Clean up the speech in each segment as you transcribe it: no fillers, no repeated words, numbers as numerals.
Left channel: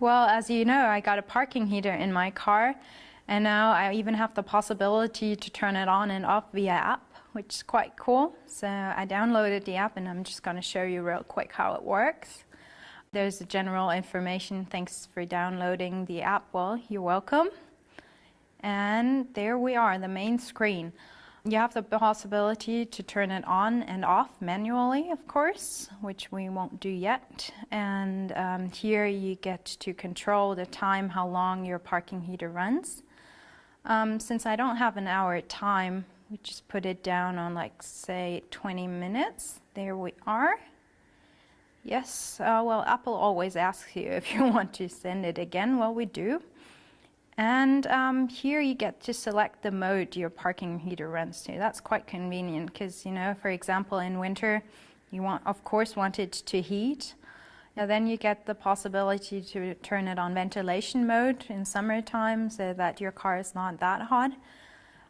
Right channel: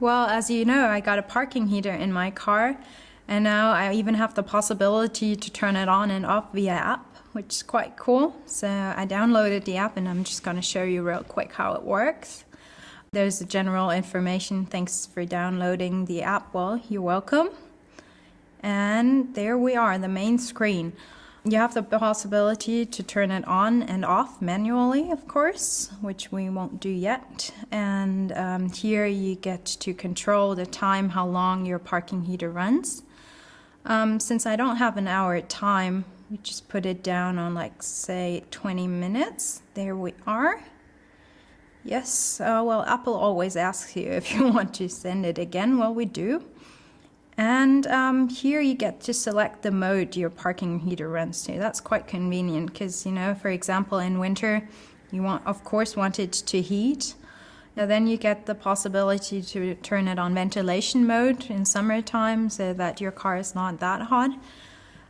Well, as you know, I got a parking heater in my car, and now I even have the possibility to turn it on and off via app, which is quite cool. So I downloaded the app and I'm just going to show you real quick how it works. There's the general information. Thanks for downloading the app. Well, you're welcome. And there we are, the main screen. You have the possibility to turn it on and off manually, of course, which we won't do yet. And here you get to control the time, how long your parking heater runs. Since I don't have an hour time, we just put it down on, like, say 20 minutes. There we are. Yes, well, Apple always asks you if you want to send it again. Well, we do. And here you get to select the mode your parking heater runs to. That's quite convenient because, you know, for example, in winter, you of course want it to heat. Now then you get the possibility to turn it on ventilation mode in summertime so that your car is not that hot.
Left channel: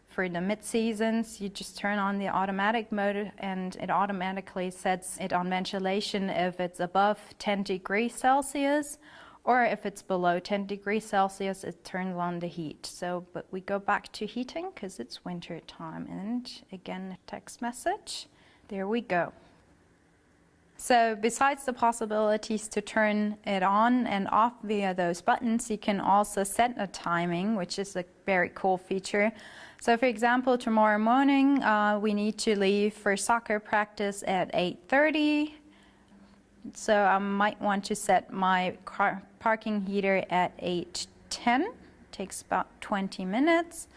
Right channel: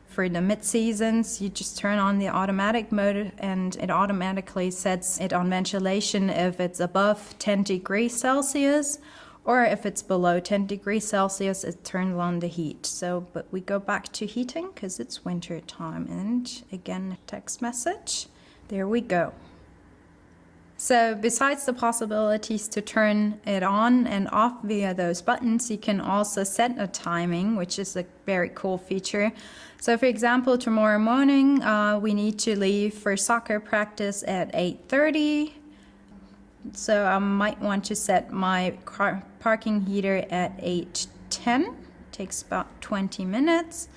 For the mid-seasons, you just turn on the automatic mode and it automatically sets it on ventilation if it's above 10 degrees Celsius. Or if it's below 10 degrees Celsius, it turns on the heat. So, but we go back to heating because it's winter time. And again, text message. There we go. So besides the possibilities to turn it on and off via those buttons, you can also set a timing, which is a very cool feature. So for example, tomorrow morning, we need to leave for soccer practice at 8:30. So I might want to set my parking heater at 8:10. Takes about 20 minutes.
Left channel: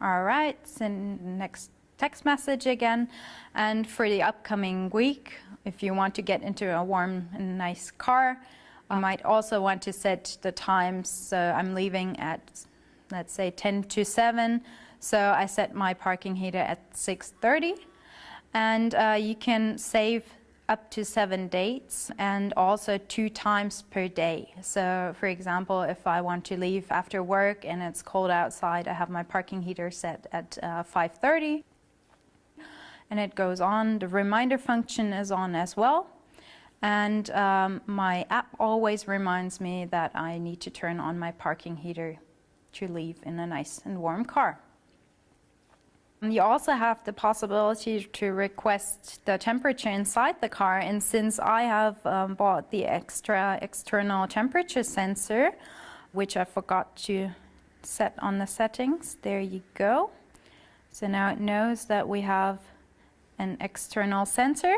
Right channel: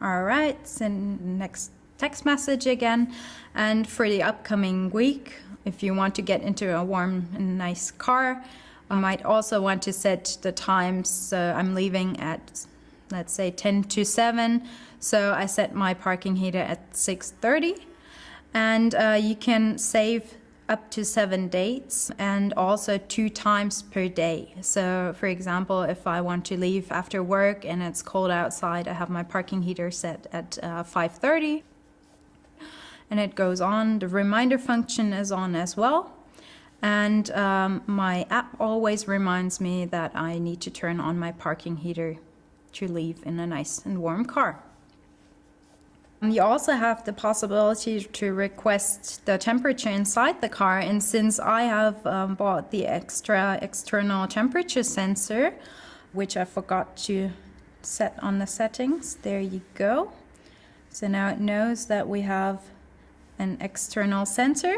All right, send next text message again. And for the upcoming week, if you want to get into a warm and nice car, I might also want to set the times. So I'm leaving at, let's say, 10 to 7. So I set my parking heater at 6:30. And you can save up to 7 dates and also 2 times per day. So for example, if I want to leave after work and it's cold outside, I have my parking heater set at 5:30 and it goes on. The reminder function is on as well. And my app always reminds me that I need to turn on my parking heater to leave in a nice and warm car. You also have the possibility to request the temperature inside the car, and since I have bought the extra external temperature sensor, which I forgot to set on the settings, there you go. So now it knows that we have an external sensor.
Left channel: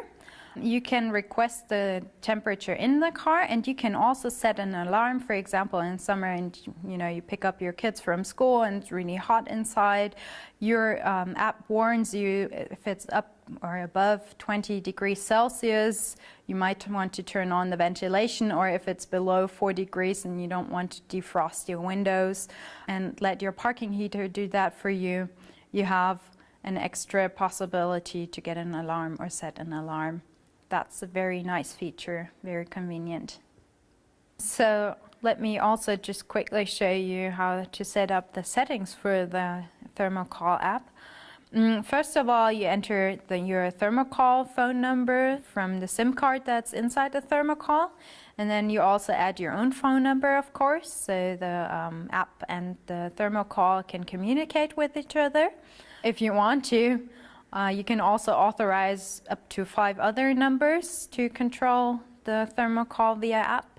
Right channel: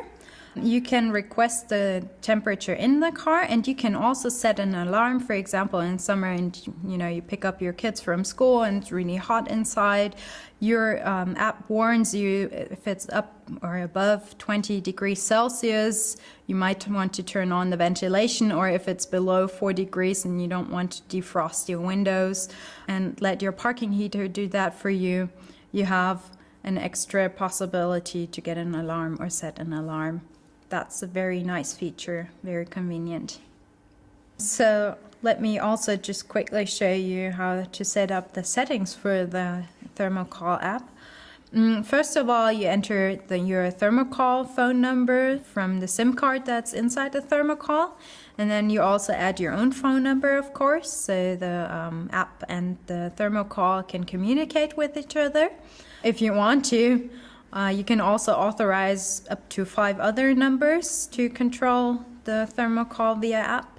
You can request the temperature in the car, and you can also set an alarm. For example, in summer, and you know, you pick up your kids from school and it's really hot inside. Your app warns you if it's up or above 20 degrees Celsius, you might want to turn on the ventilation, or if it's below 4 degrees and you don't want to defrost your windows and let your parking heater do that for you, you have an extra possibility to get an alarm or set an alarm. That's a very nice feature, very convenient. So let me also just quickly show you how to set up the settings for the Thermo Call app. First of all, you enter your Thermo Call phone number from the SIM card that's inside the Thermo Call, and then you also add your own phone number, of course, so the app and the Thermo Call can communicate with each other. If you want to, you can also authorize up to 5 other numbers to control the Thermo Call via app.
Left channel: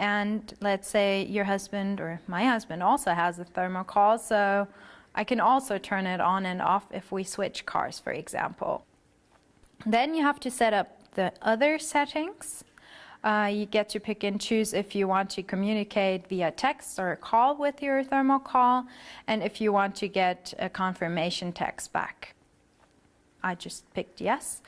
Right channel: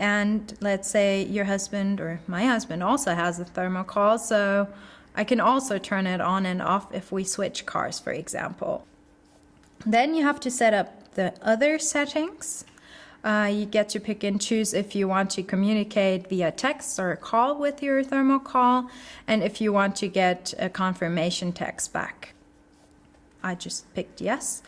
And let's say your husband or my husband also has a Thermo Call, so I can also turn it on and off if we switch cars, for example. Then you have to set up the other settings. You get to pick and choose if you want to communicate via text or call with your Thermo Call, and if you want to get a confirmation text back. I just picked yes.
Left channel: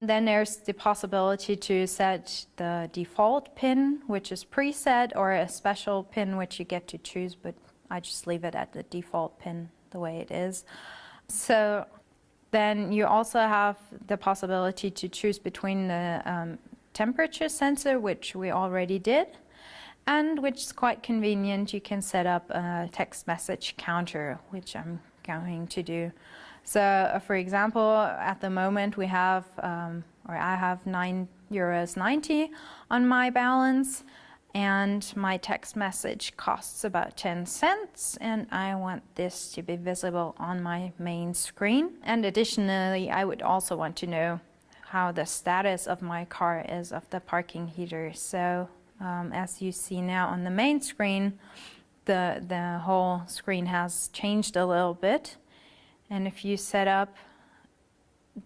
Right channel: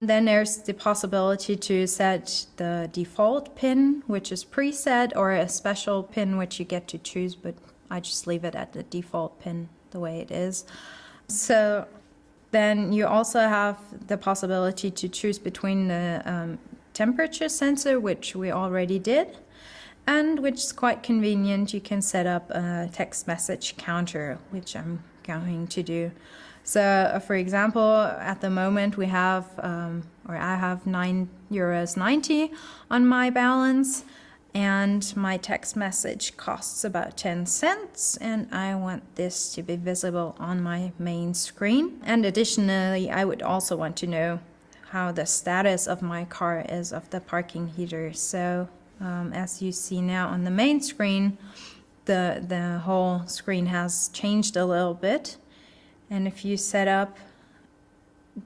Then there's the possibility to set the default PIN, which is preset, or a special PIN which you get to choose, but I just leave it at the default PIN the way it is. So then you also have the possibility to choose between the temperature sensor, which we already did, and which is quite convenient. You can set up a text message counter, which I'm going to do. So for example, at the moment we have, or I have €9.90 on my balance. and my text message costs about 10 cents, and I want this to be visible on my main screen. And additionally, I would also want to know how the status of my car is of the parking heater. So as you see now on the main screen, the whole screen has changed a little bit. And if you set up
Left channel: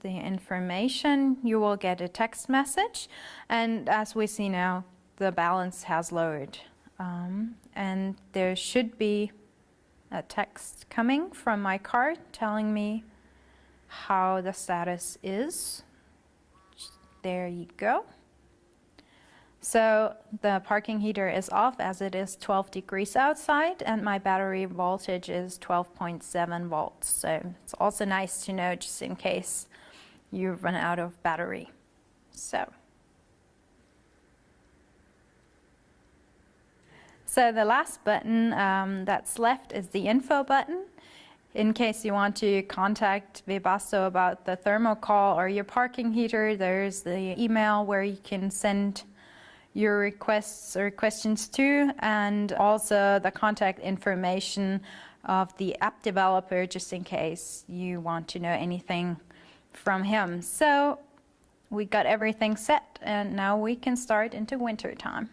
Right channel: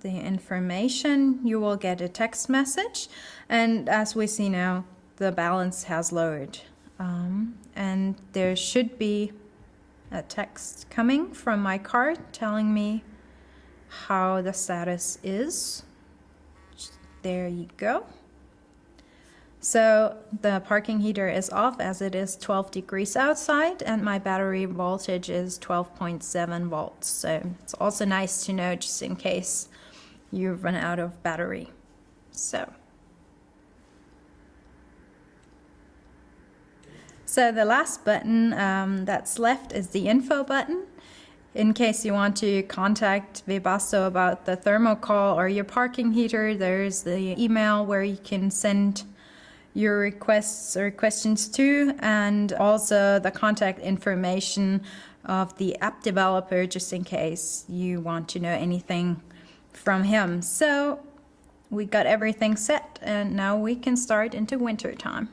the information, you will get a text message. And as we see now, the balance has lowered. And there should be a text coming from my card telling me how the status is. There you go. So the parking heater is off as it is 12 degrees outside, and my battery voltage is 12.7 volts. So it's also nice to know just in case you run out of battery. So the last button that's left is the info button. In case you want to contact Webasto about the Thermo Call or your parking heater, there's the email where you can send your requests or questions to, and also the contact information of the app developer just in case you want to know anything from him. So we got everything set, and now we can start into winter time.